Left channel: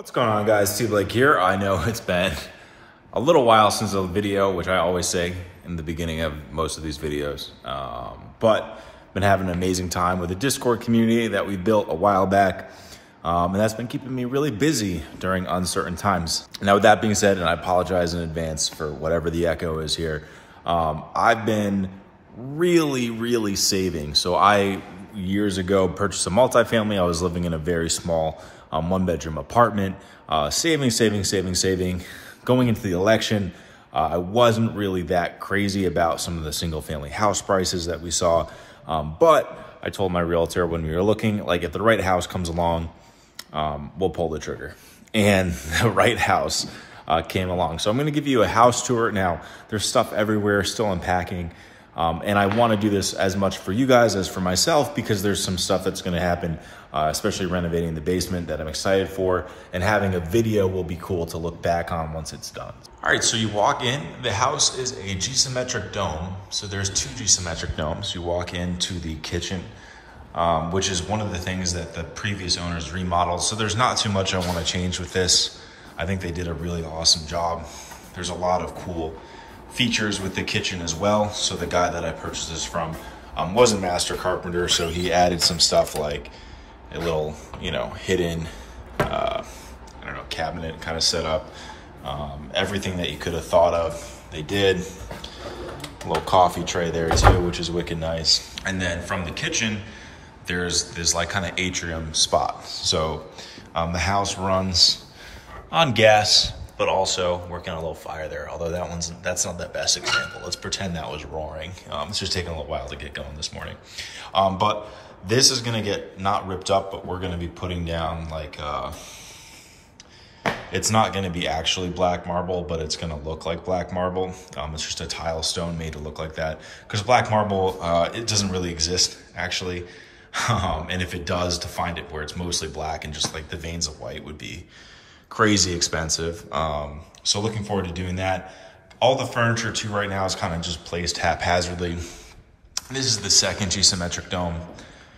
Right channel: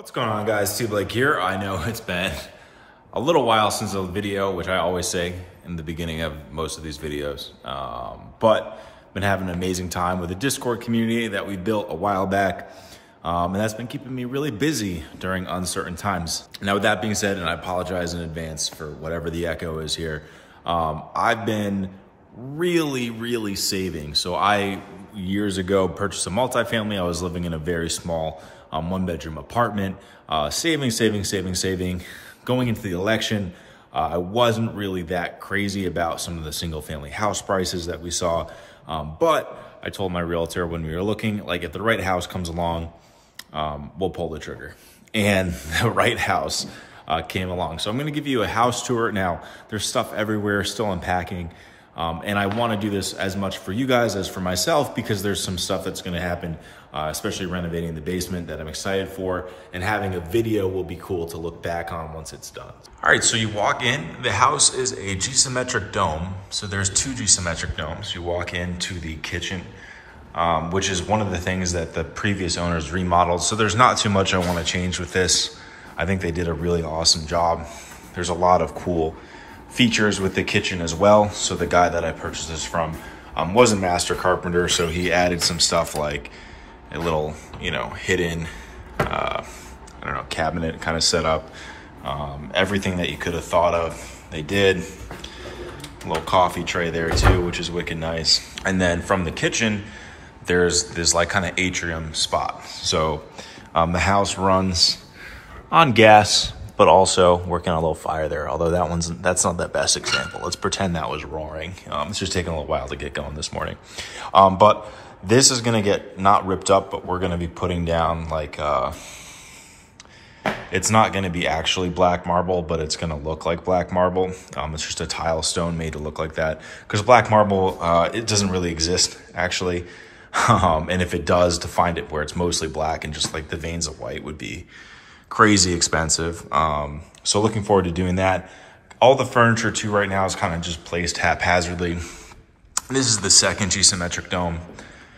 What's going on, guys? T Blake here. I know it's been a little while since a video, which I always say in the beginning of most of these videos, but been having an amazing time with the Discord community that we built a while back, and that's been keeping me really busy during uncertain times. Now, with that being said, and I apologize in advance for whatever the echo is here, I've been really saving. So I, years ago, purchased a multifamily. I was living in a very small one-bedroom apartment, saving. Going into the election, I wasn't really that crazy about some of the single-family house prices that we saw, but I told my realtor when we were looking, like, if the right house comes along, we'll pull the trigger. And the right house came along. So I'm gonna give you a house tour. Now, there's stuff everywhere, still unpacking. And I want to do this as much for you guys as for myself, because there's some stuff that's going to happen, especially renovating the basement, that I'm excited for, and having a video will be cool to look back on once it's done. All right, so you walk in, the house is a G-symmetric dome. So there's two G-symmetric domes. You walk into the kitchen, which is one of the things that the previous owners remodeled. So there's not too much I want to change with this. I think they did a really awesome job. There's a lot of cool features with the kitchen as well. So the guy that I purchased this from was a master carpenter, so he added some stuff like a little, hidden, cabinet kind of setup. Everything that you could have thought of, they did. A little coffee tray there too, which is wicked nice. And then from the kitchen, there's this like kind of atrium spot. So the house runs on gas, but also working on a little fire there. Although that's not the best example. Let's pretend that was roaring. It's just taking a little while to get going this morning. But this is gonna get not ripped up, but we're gonna be putting down like, it's not gonna be actually black marble, but it's gonna look like black marble. It's just a tile stone made to look like that. Because black marble, it doesn't really exist actually. And if it does, to find it where it's mostly black and just like the veins of white would be crazy expensive. So looking forward to doing that. All the furniture too right now is kind of just placed haphazardly. This is the second G-symmetric dome.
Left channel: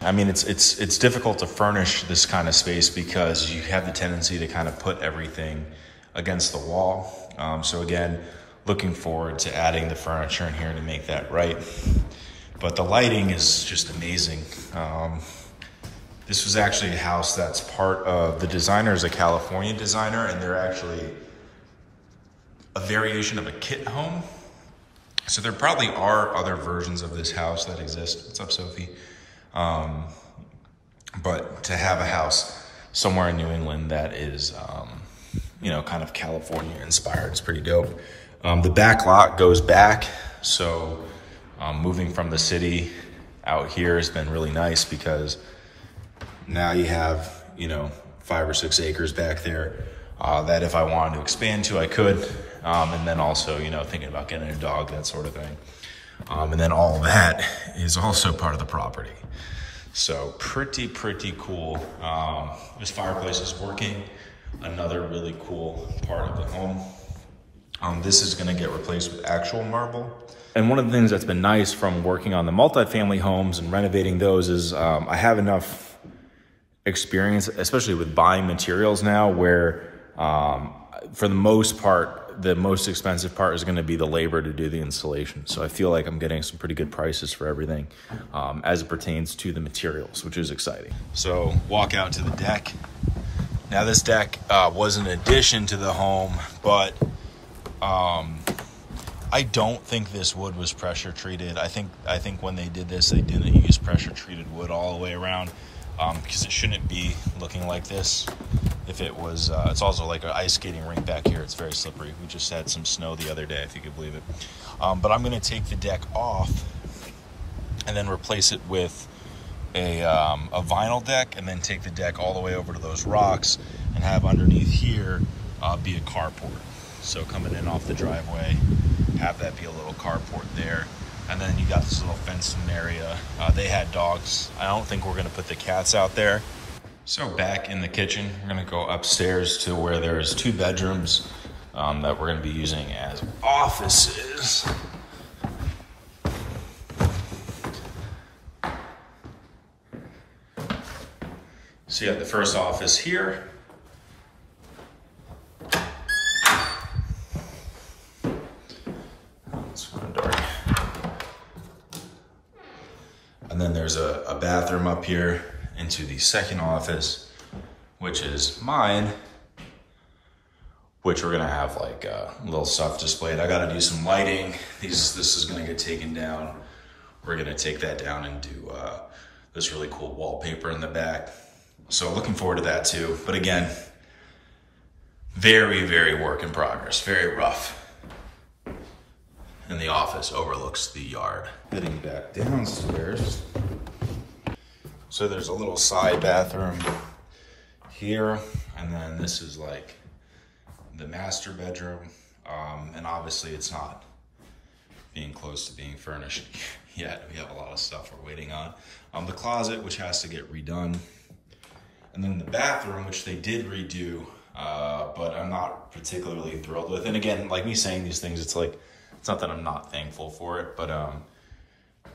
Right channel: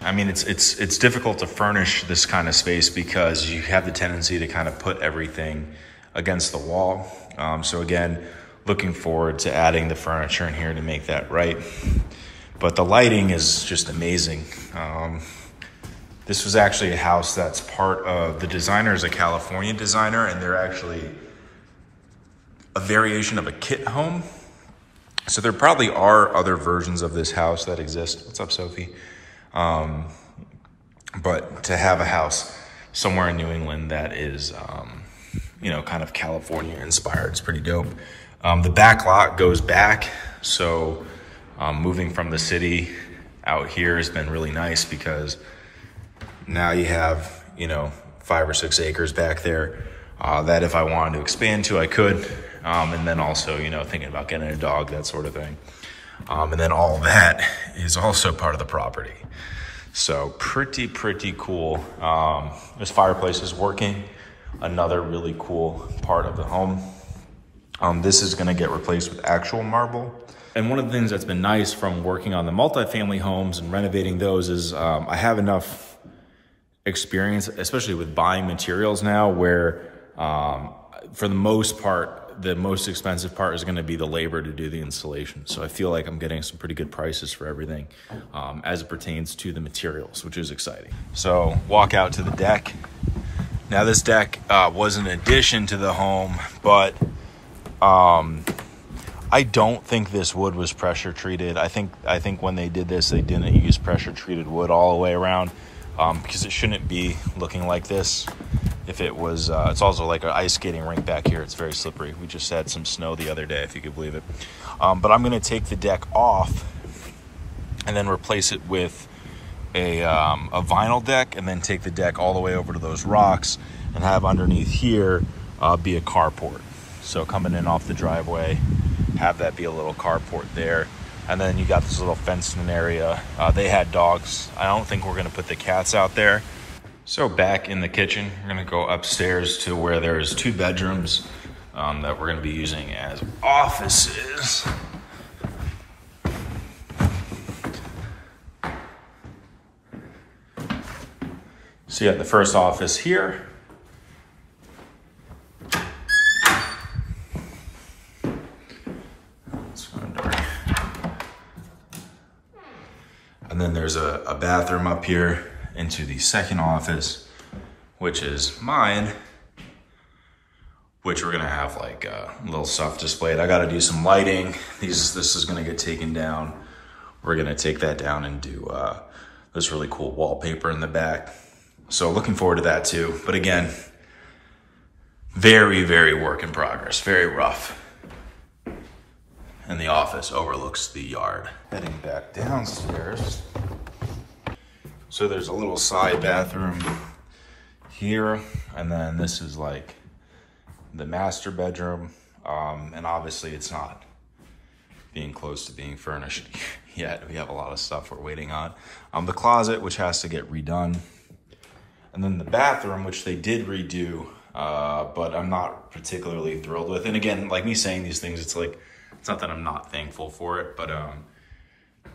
I mean, it's difficult to furnish this kind of space because you have the tendency to kind of put everything against the wall. So again, looking forward to adding the furniture in here to make that right. But the lighting is just amazing. This was actually a house that's part of, the designer is a California designer, and they're actually a variation of a kit home. So there probably are other versions of this house that exist. What's up, Sophie? But to have a house somewhere in New England that is, kind of California inspired, is pretty dope. The back lot goes back. So moving from the city out here has been really nice because now you have, 5 or 6 acres back there that if I wanted to expand to, I could. And then also, thinking about getting a dog, that sort of thing. And then all of that is also part of the property. So pretty cool. This fireplace is working. Another really cool part of the home. This is gonna get replaced with actual marble. And one of the things that's been nice from working on the multifamily homes and renovating those is I have enough experience, especially with buying materials now, where for the most part, the most expensive part is going to be the labor to do the installation. So I feel like I'm getting some pretty good prices for everything as it pertains to the materials, which is exciting. So walk out to the deck. Now this deck was an addition to the home, but I don't think this wood was pressure treated. I think when they did this, they didn't use pressure treated wood all the way around. Because it shouldn't be looking like this. If it was, it's also like an ice skating rink back here. It's very slippery. We just had some snow the other day, if you could believe it. But I'm gonna take the deck off and then replace it with a vinyl deck, and then take the deck all the way over to those rocks and have underneath here be a carport. So coming in off the driveway, have that be a little carport there. And then you got this little fenced-in area. They had dogs. I don't think we're gonna put the cats out there. So back in the kitchen, we're gonna go upstairs to where there's 2 bedrooms that we're gonna be using as offices. So you got the first office here. there's a bathroom up here into the second office, which is mine, which we're gonna have like a little stuff displayed. I gotta do some lighting. This is gonna get taken down. We're gonna take that down and do this really cool wallpaper in the back. So looking forward to that too. But again, very, very work in progress, very rough. And the office overlooks the yard. Heading back downstairs. So there's a little side bathroom here, and then this is like the master bedroom. And obviously it's not being close to being furnished yet. We have a lot of stuff we're waiting on. The closet, which has to get redone. And then the bathroom, which they did redo, but I'm not particularly thrilled with. And again, like me saying these things, it's like, it's not that I'm not thankful for it, but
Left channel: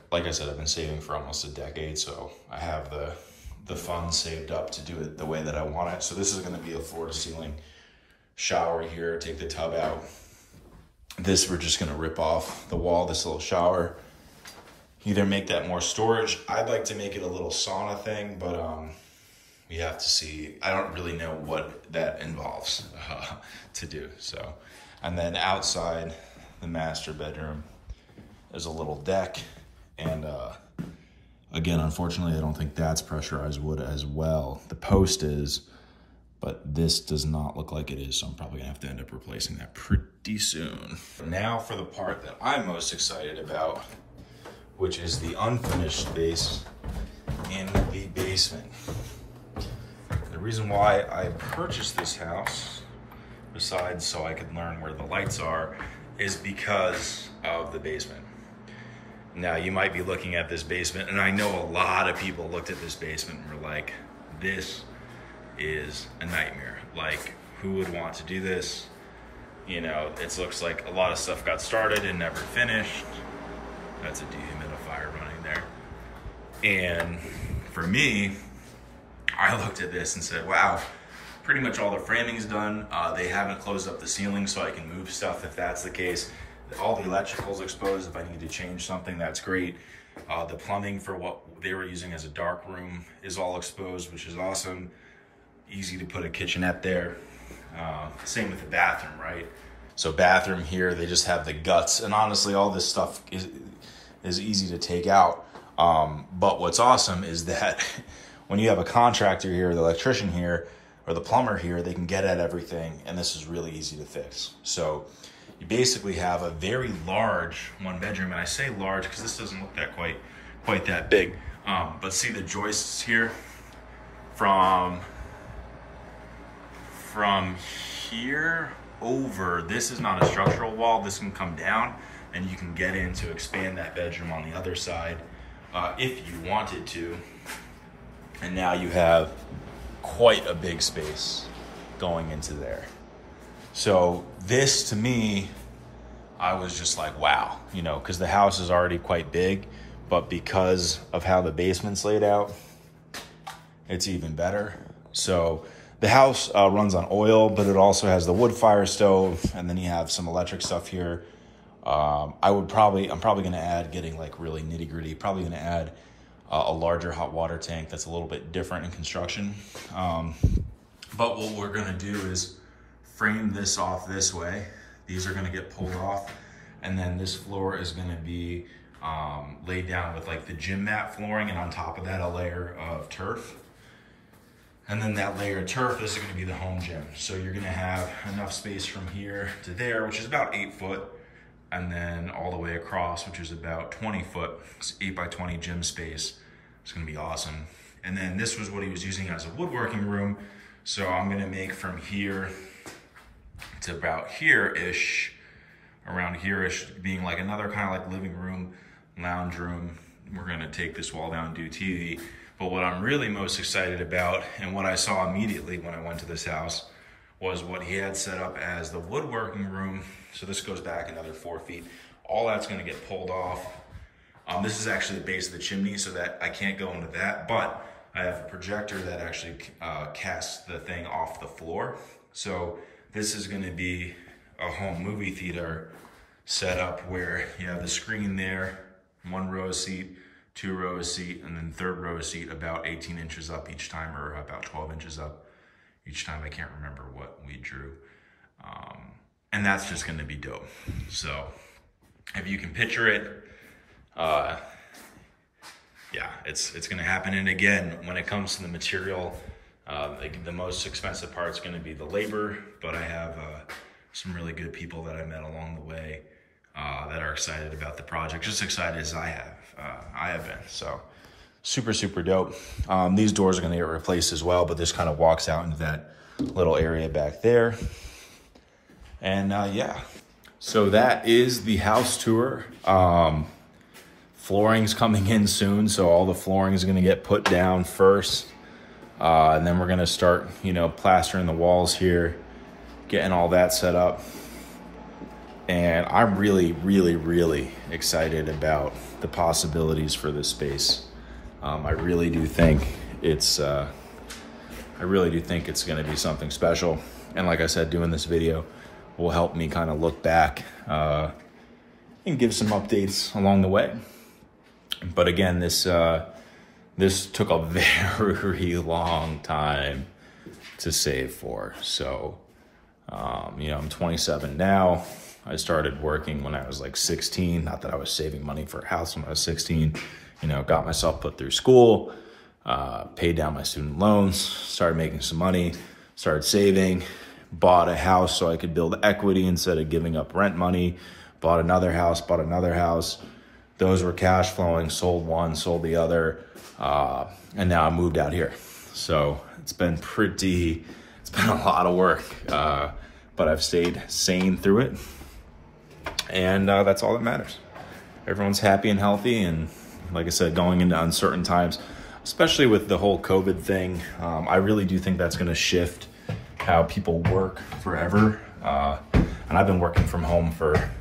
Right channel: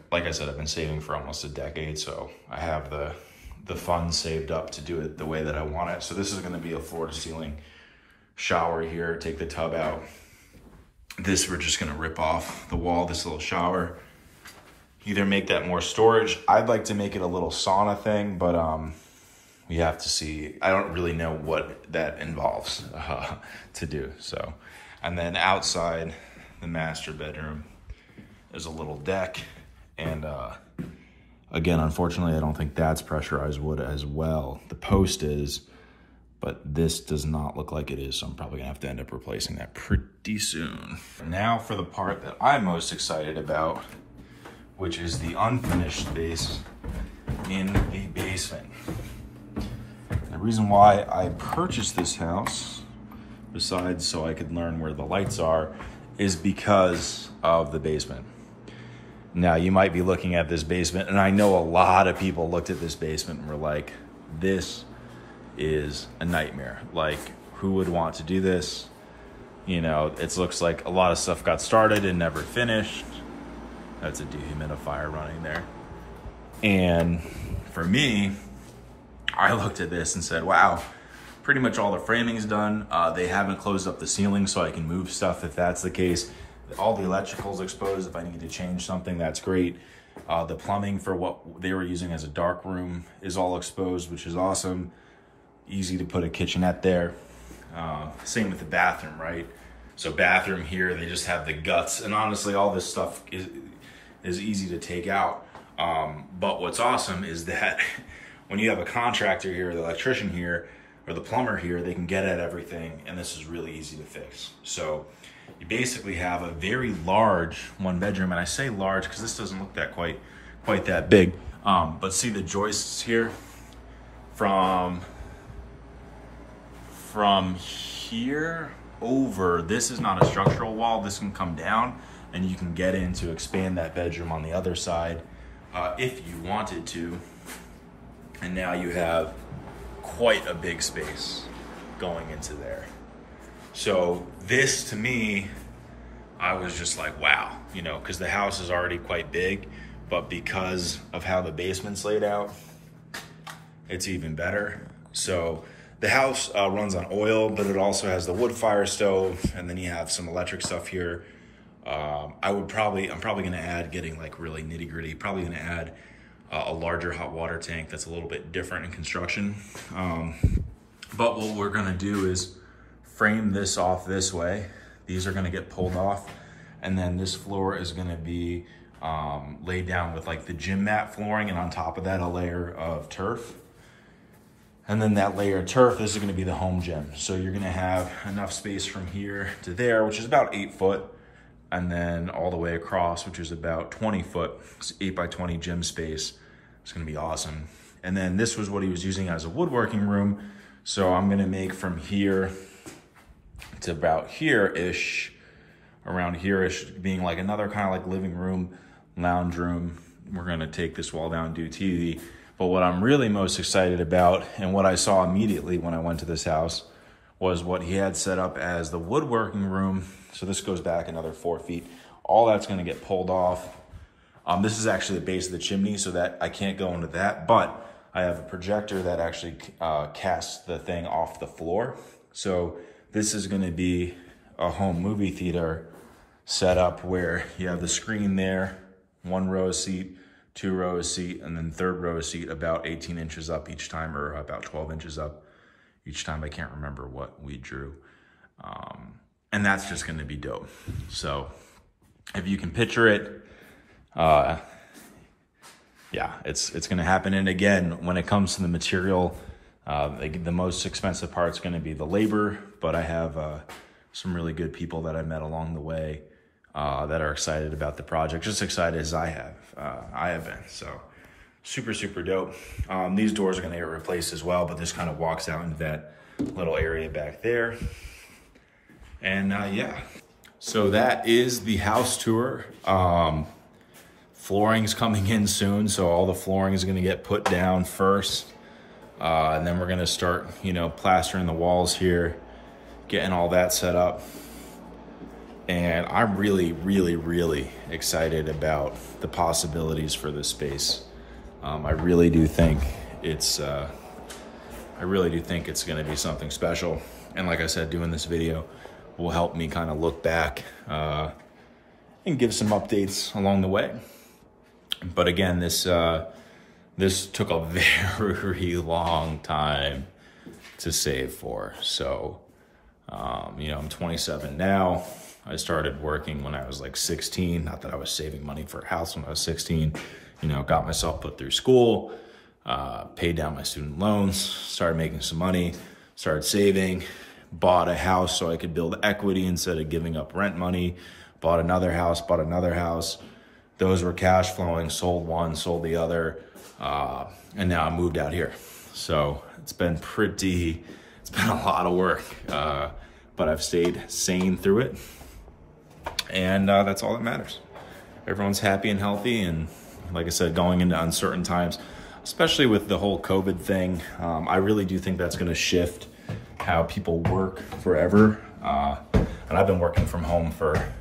like I said, I've been saving for almost a decade, so I have the funds saved up to do it the way that I want it. So this is gonna be a floor to ceiling shower here, take the tub out. This, we're just gonna rip off the wall, this little shower. Either make that more storage. I'd like to make it a little sauna thing, but we have to see. I don't really know what that involves to do, so. And then outside the master bedroom, there's a little deck. And again, unfortunately, I don't think that's pressurized wood as well. The post is, but this does not look like it is, so I'm probably gonna have to end up replacing that pretty soon. Now for the part that I'm most excited about, which is the unfinished space in the basement. The reason why I purchased this house, besides so I could learn where the lights are, is because of the basement. Now, you might be looking at this basement, and I know a lot of people looked at this basement and were like, this is a nightmare. Like, who would want to do this? You know, it looks like a lot of stuff got started and never finished. That's a dehumidifier running there. And for me, I looked at this and said, wow, pretty much all the framing's done. They haven't closed up the ceiling so I can move stuff if that's the case. All the electrical's exposed. If I need to change something, that's great. The plumbing for what they were using as a dark room is all exposed, which is awesome. Easy to put a kitchenette there. Same with the bathroom, right? So bathroom here, they just have the guts. And honestly, all this stuff is easy to take out. But what's awesome is that when you have a contractor here, the electrician here, or the plumber here, they can get at everything, and this is really easy to fix. So you basically have a very large one bedroom, and I say large because this doesn't look that quite that big. But see the joists here from here over, this is not a structural wall. This can come down and you can get in to expand that bedroom on the other side if you wanted to. And now you have quite a big space going into there. So this, to me, I was just like, wow, you know, because the house is already quite big, but because of how the basement's laid out, it's even better. So the house runs on oil, but it also has the wood fire stove, and then you have some electric stuff here. I'm probably gonna add, getting like really nitty gritty, probably gonna add a larger hot water tank that's a little bit different in construction. But what we're gonna do is frame this off this way. These are gonna get pulled off, and then this floor is gonna be laid down with like the gym mat flooring, and on top of that, a layer of turf. And then that layer of turf, this is gonna be the home gym. So you're gonna have enough space from here to there, which is about 8 foot, and then all the way across, which is about 20 foot, it's 8 by 20 gym space. It's gonna be awesome. And then this was what he was using as a woodworking room. So I'm gonna make from here to about here-ish, around here-ish, being like another kind of like living room, lounge room. We're gonna take this wall down and do TV. But what I'm really most excited about, and what I saw immediately when I went to this house, was what he had set up as the woodworking room. So this goes back another 4 feet. All that's gonna get pulled off. This is actually the base of the chimney, so that I can't go into that, but I have a projector that actually casts the thing off the floor. So this is gonna be a home movie theater setup where you have the screen there, 1 row seat, 2 row of seat, and then 3rd row of seat about 18 inches up each time, or about 12 inches up each time. I can't remember what we drew. And that's just gonna be dope. So if you can picture it, yeah, it's gonna happen. And again, when it comes to the material, the most expensive part's gonna be the labor, but I have some really good people that I met along the way that are excited about the project, just excited as I have been. So super, super dope. These doors are gonna get replaced as well, but this kind of walks out into that little area back there. And yeah, so that is the house tour. Flooring's coming in soon, so all the flooring is gonna get put down first. And then we're gonna start, you know, plastering the walls here, getting all that set up. And I'm really, really, really excited about the possibilities for this space. I really do think it's gonna be something special. And like I said, doing this video will help me kind of look back and give some updates along the way. But again, this took a very long time to save for. So, you know, I'm 27 now. I started working when I was like 16. Not that I was saving money for a house when I was 16. You know, got myself put through school, paid down my student loans, started making some money, started saving, bought a house so I could build equity instead of giving up rent money, bought another house, Those were cash flowing, sold one, sold the other, and now I moved out here. So it's been a lot of work, but I've stayed sane through it. And that's all that matters. Everyone's happy and healthy. And like I said, going into uncertain times, especially with the whole COVID thing, I really do think that's gonna shift how people work forever. And I've been working from home for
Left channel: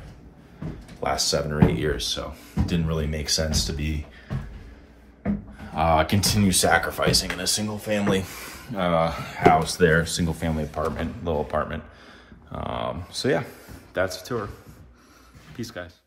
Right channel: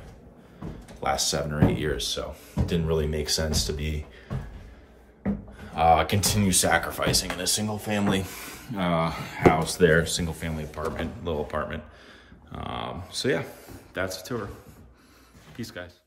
the last 7 or 8 years, so it didn't really make sense to be continue sacrificing in a single family house there, single family apartment, little apartment. So yeah, that's a tour. Peace, guys.